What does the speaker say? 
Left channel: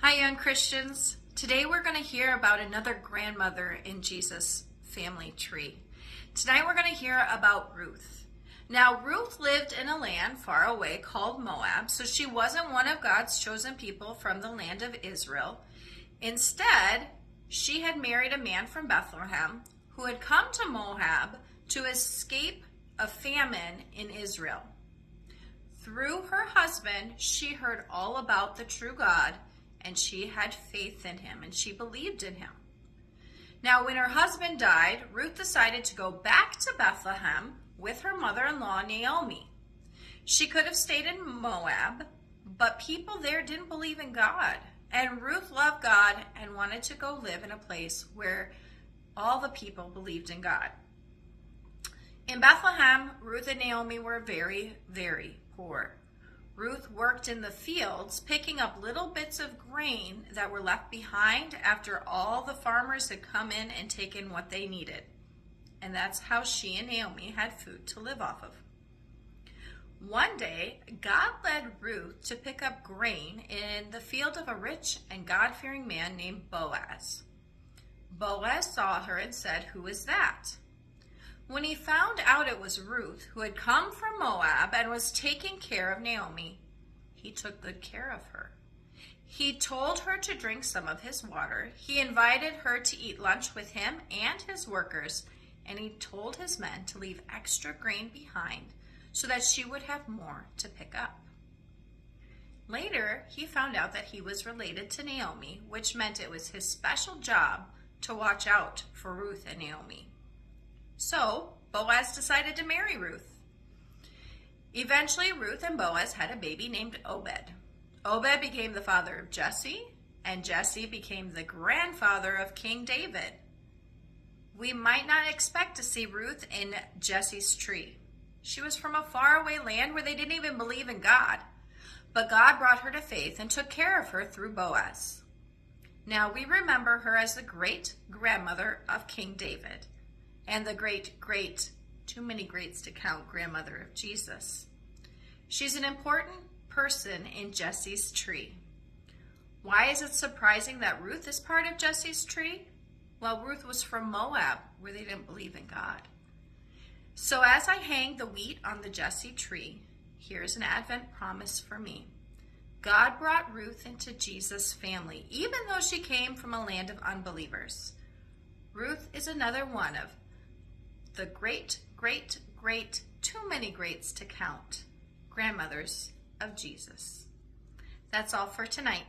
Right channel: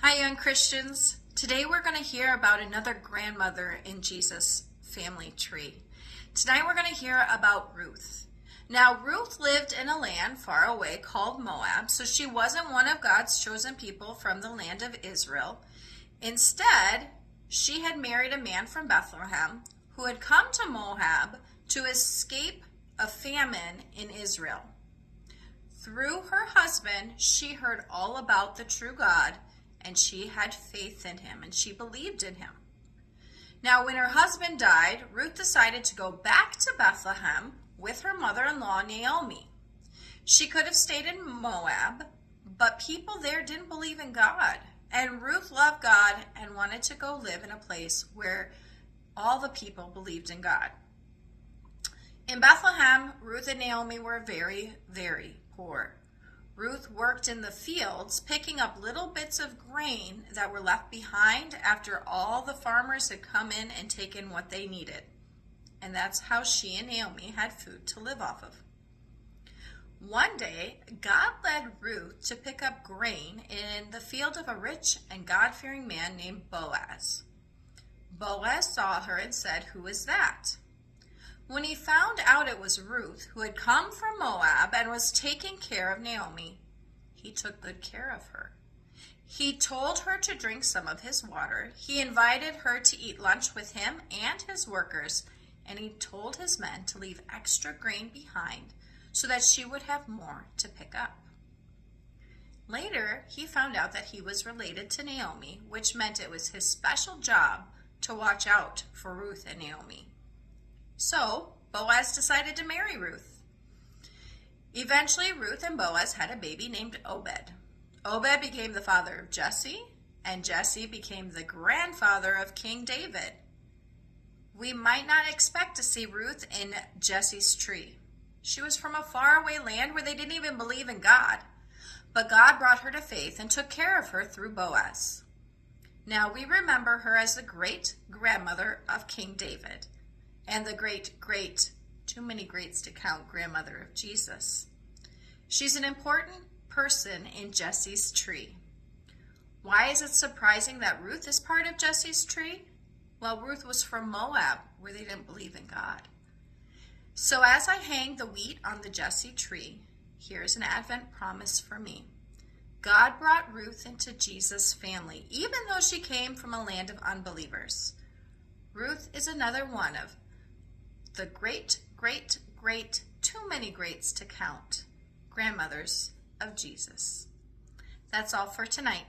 Hi, young Christians. Today we're going to hear about another grandmother in Jesus' family tree. Tonight we're going to hear about Ruth. Now, Ruth lived in a land far away called Moab, so she wasn't one of God's chosen people from the land of Israel. Instead, she had married a man from Bethlehem who had come to Moab to escape a famine in Israel. Through her husband, she heard all about the true God, and she had faith in him, and she believed in him. Now, when her husband died, Ruth decided to go back to Bethlehem with her mother-in-law, Naomi. She could have stayed in Moab, but people there didn't believe in God, and Ruth loved God and wanted to go live in a place where all the people believed in God. In Bethlehem, Ruth and Naomi were very, very poor. Ruth worked in the fields, picking up little bits of grain that were left behind after all the farmers had come in and taken what they needed. And that's how she and Naomi had food to live off of. One day, God led Ruth to pick up grain in the field of a rich and God-fearing man named Boaz. Boaz saw her and said, "Who is that?" When he found out it was Ruth, who had come from Moab and was taking care of Naomi, he took good care of her. He told her to drink some of his water. He invited her to eat lunch with him and his workers, and he told his men to leave extra grain behind so that she would have more to pick up. Later, he found out that he was related to Naomi, which meant it was his special job to watch out for Ruth and Naomi. So, Boaz decided to marry Ruth. Eventually, Ruth and Boaz had a baby named Obed. Obed became the father of Jesse, and Jesse became the grandfather of King David. We might not expect to see Ruth in Jesse's tree. She was from a faraway land where they didn't even believe in God, but God brought her to faith and took care of her through Boaz. Now we remember her as the great-grandmother of King David, and the great, too many greats to count, grandmother of Jesus. She's an important person in Jesse's tree. Why is it surprising that Ruth is part of Jesse's tree? Well, Ruth was from Moab, where they didn't believe in God. So as I hang the wheat on the Jesse tree, here's an Advent promise for me. God brought Ruth into Jesus' family, even though she came from a land of unbelievers. Ruth is another one of the great, too many greats to count, grandmothers of Jesus. That's all for tonight.